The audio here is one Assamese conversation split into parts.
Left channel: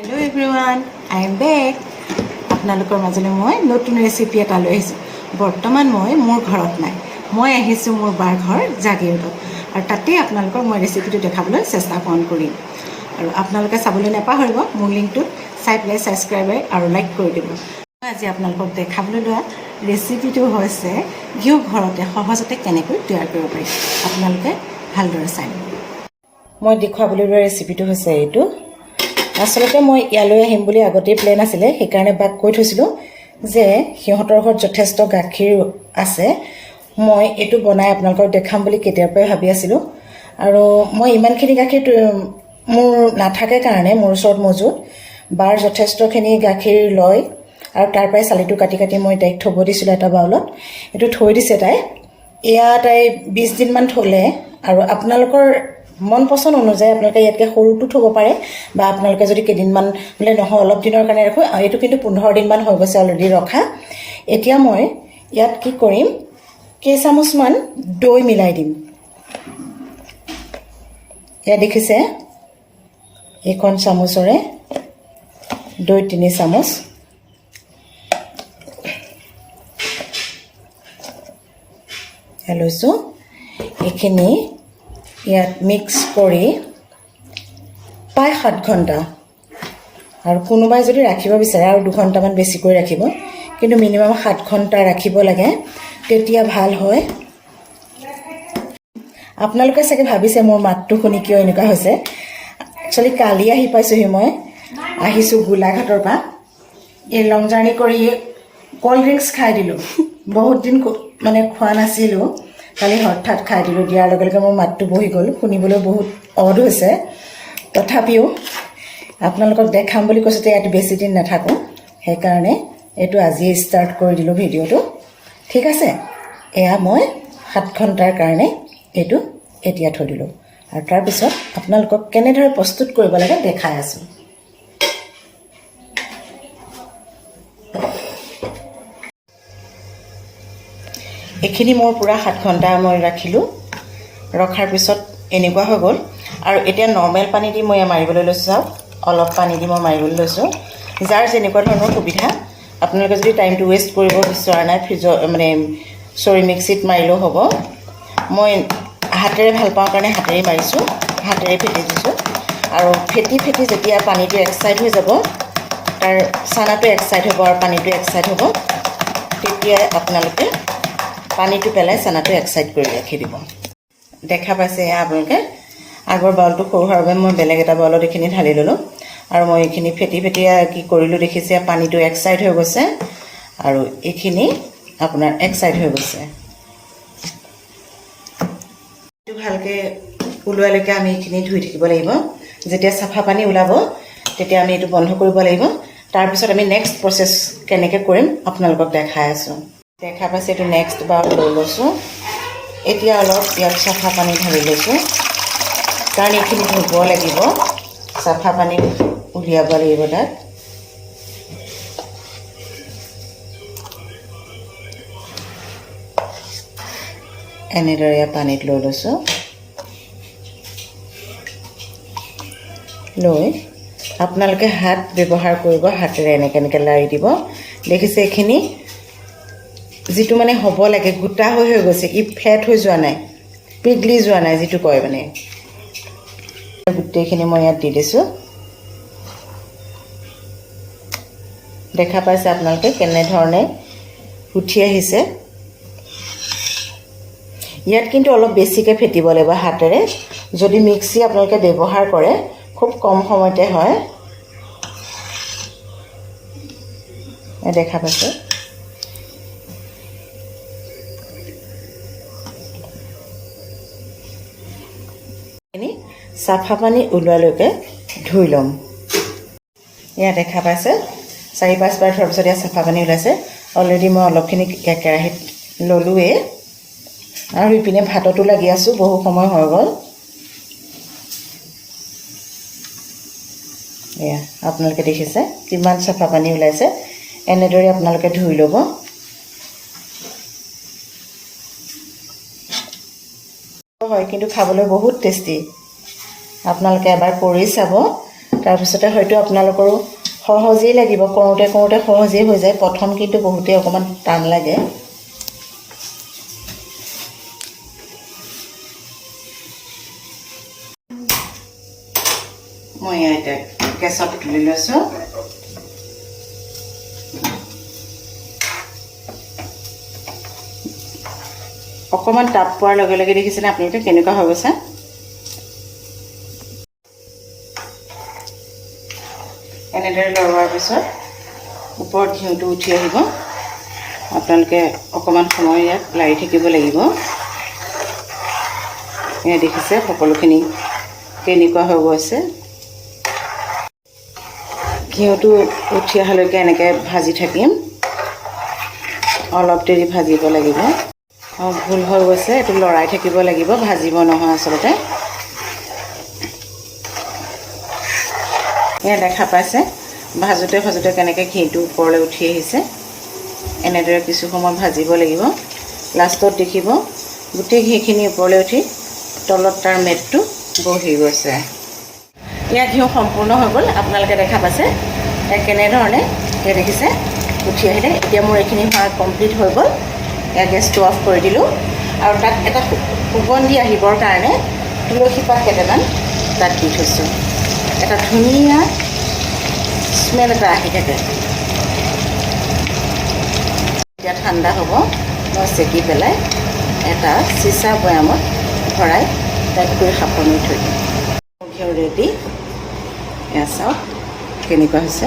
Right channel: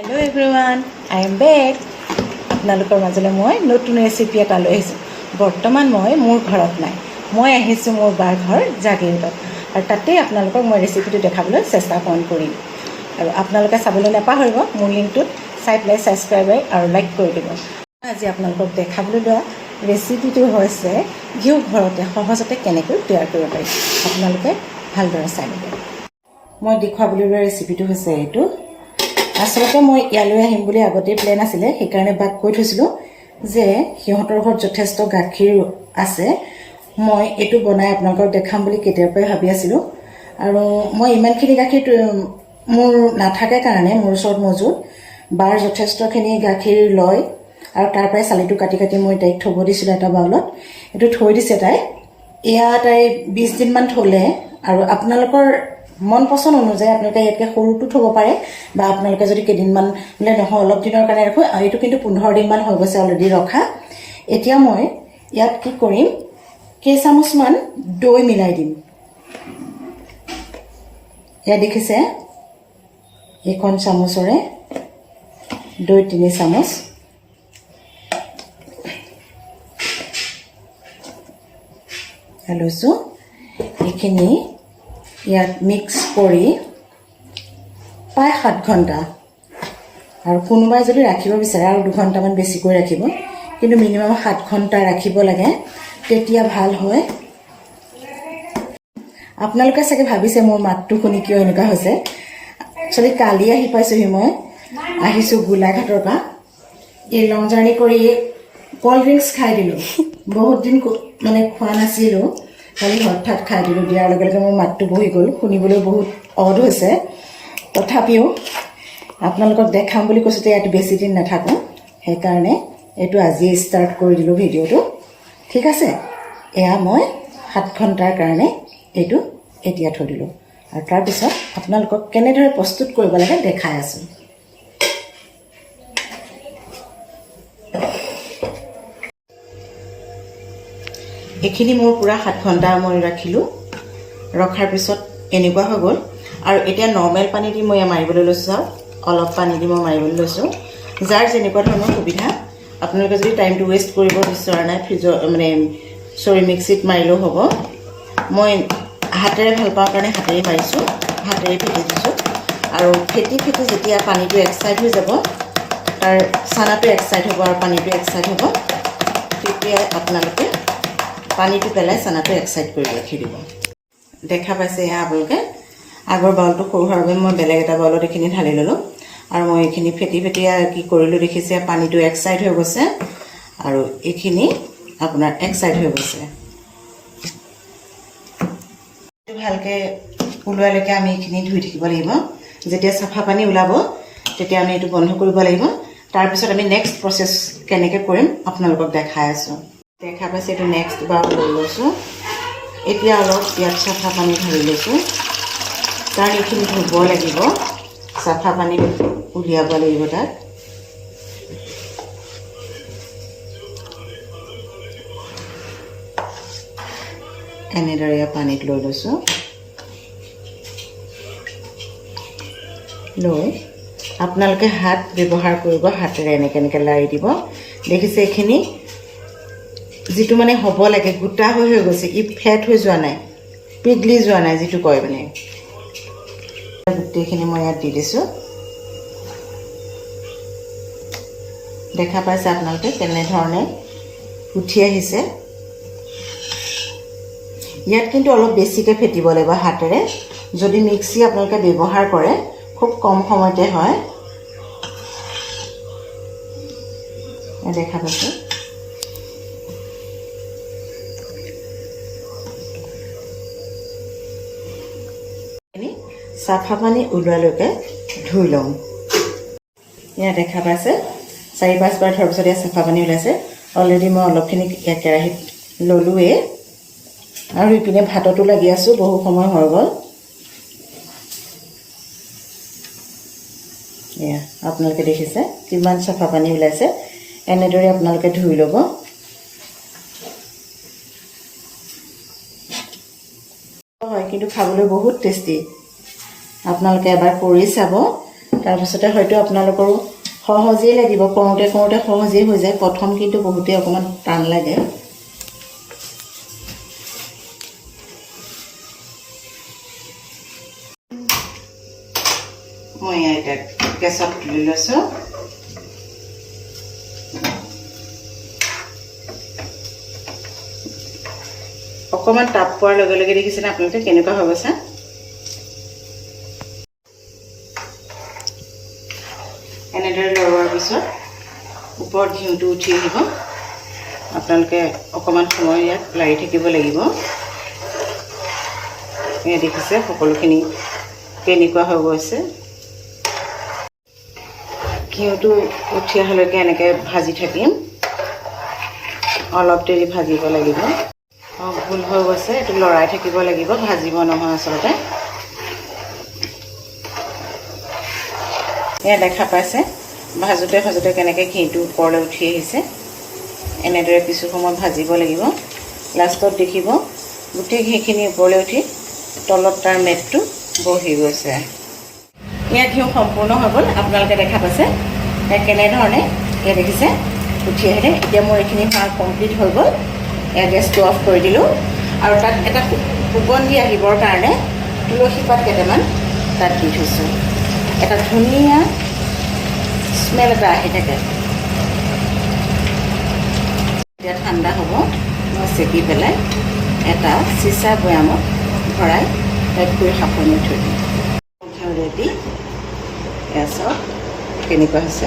Hello everyone, I am back. আপোনালোকৰ মাজলৈ মই নতুন ৰেচিপি এটা লৈ আহিছোঁ। বৰ্তমান মই মোৰ ঘৰত নাই, মই আহিছোঁ মোৰ বাৰ ঘৰ জাগিৰোডত, আৰু তাতে আপোনালোকক মই ৰেচিপিটো দেখাবলৈ চেষ্টা কৰিম। আৰু আপোনালোকে চাবলৈ নাপাহৰিব, মোৰ লিংকটোত চাই পেলাই ছাবস্ক্ৰাইব আৰু লাইক কৰি দিব। আজি আপোনালোকক দেখাবলৈ লোৱা ৰেচিপিটো হৈছে ঘিউ ঘৰতে সহজতে কেনেকৈ তৈয়াৰ কৰিব পাৰি। আপোনালোকে ভালদৰে চাই ল'ব। মই দেখুৱাবলৈ লোৱা ৰেচিপিটো হৈছে এইটো। আচলতে মই ইয়ালৈ আহিম বুলি আগতেই প্লেন আছিলে, সেইকাৰণে বাক কৈ থৈছিলোঁ যে সিহঁতৰ ঘৰত যথেষ্ট গাখীৰ আছে, মই এইটো বনাই আপোনালোকক দেখাম বুলি কেতিয়াৰ পৰাই ভাবি আছিলোঁ। আৰু মই ইমানখিনি গাখীৰ মোৰ নাথাকে কাৰণে মোৰ ওচৰত মজুত বাৰ যথেষ্টখিনি গাখীৰ লয়, আৰু তাৰ পৰাই চালিটো কাটি কাটি মই তাইক থ'ব দিছিলোঁ এটা বাউলত। এইটো থৈ দিছে তাই। এয়া তাই 20 দিনমান থ'লে, আৰু আপোনালোকৰ মন পচন্দ অনুযায়ী আপোনালোকে ইয়াতকৈ সৰুটো থ'ব পাৰে, বা আপোনালোকে যদি কেইদিনমান বোলে নহয় অলপ দিনৰ কাৰণে ৰাখোঁ, এইটো কিন্তু 15 দিনমান হৈ গৈছে অলৰেডি ৰখা। এতিয়া মই ইয়াত কি কৰিম, কেইচামুচমান দৈ মিলাই দিম। এয়া দেখিছে, এইখন চামুচৰে দৈ 3 চামুচ, লৈছোঁ। এইখিনি ইয়াত মিক্স কৰি প্ৰায় 7 ঘণ্টা, আৰু কোনোবাই যদি ৰাখিব বিচাৰে আৰু 2 ঘণ্টামান বেছিকৈ ৰাখিব, কিন্তু মিনিমাম 7 ঘণ্টা ৰাখিব লাগে, তেতিয়া ভাল হয়। আপোনালোকে চাগে ভাবিছে মোৰ মাতটো শুনি কিয় এনেকুৱা হৈছে। একচুৱেলি কালি আহি পাইছোঁহি, মই আহিছোঁ গোলাঘাটৰ পৰা। এই লং জাৰ্ণি কৰি ক'ল্ড ড্ৰিংকছ খাই দিলোঁ, বহুত দিন মানে খোৱা নাছিলোঁ, কালি হঠাৎ খাই দিলোঁ। দিয়াৰ লগে লগে মোৰ মাতটো বহি গ'ল, শুনিবলৈ বহুত অড হৈছে। তথাপিও আপোনালোকক দেখাম বুলি কৈছোঁ, ইয়াত বেছি দিন নাথাকোঁ, সেইকাৰণে এইটো আজিয়ে ষ্টাৰ্ট কৰি দিলোঁ ভিডিঅ'টো। ঠিক আছে, এয়া মই 7 ঘণ্টাৰ কাৰণে এইটো এতিয়া থৈ দিলোঁ, আৰু তাৰপিছত আপোনালোকক কেনেদৰে প্ৰস্তুত কৰিব লাগে দেখাই আছোঁ। এইখিনি মোৰ পূৰা 7 ঘণ্টা মই ৰাখিলোঁ, ৰখাৰ পিছত এনেকুৱা হৈ গ'ল। আৰু এতিয়া নৰ্মেল পানী দি মই মাৰিবলৈ লৈছোঁ, অলপ পানী দি মই মাৰিবলৈ লৈছোঁ। যাৰ যেনেকুৱা ধৰণৰ সুবিধা, আপোনালোকে যদি টাইমটো ৱেষ্ট কৰিব বিচৰা নাই, মিক্সিত মাৰিলেও হ'ব। মই হাতেৰে ভাল পাওঁ কাৰণে হাতেৰে মাৰিছোঁ, হাতেৰে ফেটি দিছোঁ। আৰু ফেটি যেতিয়া পানীটো এক চাইড হৈ যাব, তাৰ চানাটো এক চাইড হ'ব আৰু পানীটো এক চাইড হ'ব, তেতিয়া আপোনালোকে পানীটো পেলাই চানাটো এক চাইড কৰি ৰাখি দিব। দেখা পাইছে এয়া আপোনালোকে। আগৰ বাউলটো সৰু হোৱাৰ বাবে মই বেলেগ এটা বাউলত এইখিনি ঢালি ল'লোঁ, আৰু মই এইখিনি ফেটি কি কৰিলোঁ দেখিছে, পানীটো এক চাইড হৈ গৈছে, আৰু এইখিনি আপোনাৰ এক চাইড হৈ গৈছে। এইটো ভালকৈ ওলোৱালৈকে আমি এইখিনি ধুই থাকিব লাগিব। যেতিয়া চাফা পানী ওলাব, তেতিয়া আমি এইটো বন্ধ কৰিব লাগিব। তাৰপিছত আমি নেক্সট প্ৰচেছ কেনেকৈ কৰিম আপোনালোকক দেখাই আছোঁ। দেখা পাইছে, এইটো নেক্সট বাউল লৈ লৈছোঁ। এতিয়া অলপ ইয়াত চাফা পানী ঢালি লৈছোঁ, কাৰণ এইখিনি ধুব লাগিব, চাফা পানী উলিয়াব লাগিব তাত। এনেদৰে পানীত লৈ লৈছোঁ, লৈ আপোনালোকে হাত ব্যৱহাৰ কৰিব, হাতেৰে এনেকৈ লাৰি দিব। দেখিছে এইখিনি যিটো মানে হ'ব লাগে, গোটা হৈ গৈছে, ই ফেট হৈ যোৱা নাই, পিঘলি যোৱা নাই, যিটো কয় মানে। গোটেইখিনি মই ইয়াত দি দিছোঁ। দেখা পাইছে আপোনালোকে কেনেধৰণে উঠি আহিছে। ইয়াত কিন্তু অলপ বেছিকৈ ফেটিব লাগিব হাতেৰে। যদি মিক্সি আপোনালোকে ব্যৱহাৰ কৰে, খুব কম সময়তে হয়। দেখা পাইছে, চাফা পানী ওলোৱালৈকে ধুই ল'ম। ইয়াত দেখা পাইছে 4-5 বাৰ ধোৱাৰ পিছত ইয়াত চাফা পানী ওলাইছে। অলৰেডি মই অলপখিনি কেৰাহীত ল'লোৱেই, আৰু ইপিনে ভাততো লাগি আছোঁ, বহু সময় হৈ গ'ল। এয়া আপোনালোকে দেখিছে কিমান চাফা পানী ওলাইছে। এনেদৰে আপোনালোকে ধুই ল'ব। হয়, কিন্তু খাবলৈ বহুত টেষ্টি। আপোনালোকে এবাৰ কৰি চাব। তাৰপিছতে হয়তো আপোনালোকৰো সহজেই লাগিব, কৰোঁতে কৰোঁতে সহজেই হৈ যায়, প্ৰথম কিন্তু বহুতেই অকণমান টান লাগে। মই এতিয়া গেছত তুলি লৈছোঁ। অকণমান তাপ পোৱাৰ লগে লগে দেখিছেনে আপোনালোকে কেনেকুৱা হৈ গৈছে। এনেদৰে লৰোৱাৰ পিছত ওপৰত ঘিউটো উঠি আহিব। আপোনালোকে অকণমান সময় ইয়াত লাৰি থাকিব লাগিব। এয়া দেখিছে সকলোখিনি কেনেকুৱা হৈ গৈছে। ঘিউটো উঠি অহালৈকে এনেকৈ ভাজি থাকিম, অলপ দেৰি ভাজিব লাগিব। ভুল হৈ গৈছে, এইটো লৰাই থাকিব লাগিব, ভাজিব নহয় আচলতে। এয়া দেখা পাইছে ভাজোতে ভাজোতে কেনেকৈ ঘিউটো ওপৰলৈ উঠি আহিছে। এনেদৰে কিছু সময় ভাজিব লাগিব। লাষ্টত দেখিব গোটেই ঘিখিনি ওপৰলৈ উঠি তলত তাৰ মেটটো বহি গৈছে। এয়া ঘিউ সম্পূৰ্ণ হৈ গ'ল, আপোনালোকে দেখা পাইছে কেনেধৰণে দেখিছে উঠি আহিলে। এতিয়া মোৰ এইখিনি হোৱা কমপ্লিট হৈ গ'ল। এয়া গেছটো অফ কৰি দিলোঁ আৰু তাত এটা সুগন্ধি আহিবৰ কাৰণে তুলসী পাত কেইটামান তাত দি থৈছোঁ। এটা ধুনীয়া স্মেল এটা আহি থাকে। এতিয়া ঠাণ্ডা হ'ব, মই চেকি পেলাই এটা চিচা বৈয়ামত ভৰাই পেক কৰি সাপনি থৈ দিম। ঘিউ ৰেডি। এয়া চাওক কেনেকুৱা হৈছে।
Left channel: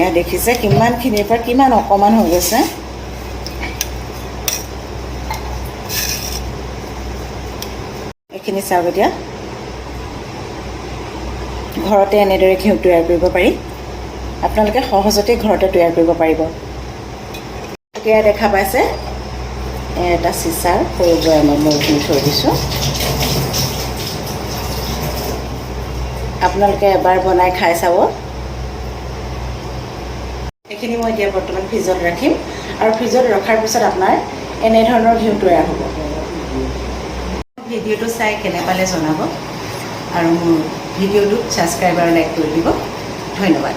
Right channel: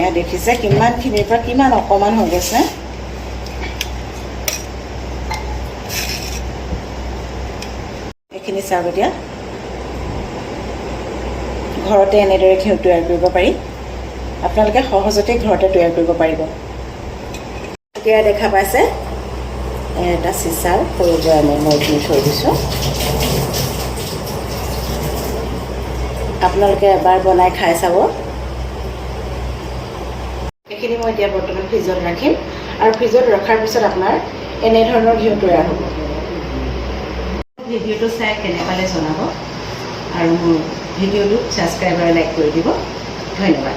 এয়া দেখিছে কিমানখিনিৰ পৰা কিমান অকণমান হৈ গৈছে। এইখিনি চাওক। এতিয়া ঘৰতে এনেদৰে ঘিউ তৈয়াৰ কৰিব পাৰি। আপোনালোকে সহজতে ঘৰতে তৈয়াৰ কৰিব পাৰিব। এতিয়া দেখা পাইছে এটা চিচাৰ সৰু বৈয়ামত মই ঘিউ থৈ দিছোঁ। আপোনালোকে এবাৰ বনাই খাই চাব। এইখিনি মই এতিয়া বৰ্তমান ফ্ৰিজত ৰাখিম আৰু ফ্ৰিজত ৰখাৰ পিছত আপোনাৰ এনেধৰণৰ ঘিউ তৈয়াৰ হ'ব। ভিডিঅ'টো চাই কেনে পালে জনাব আৰু মোৰ ভিডিঅ'টো ছাবস্ক্ৰাইব আৰু লাইক কৰি দিব। ধন্যবাদ।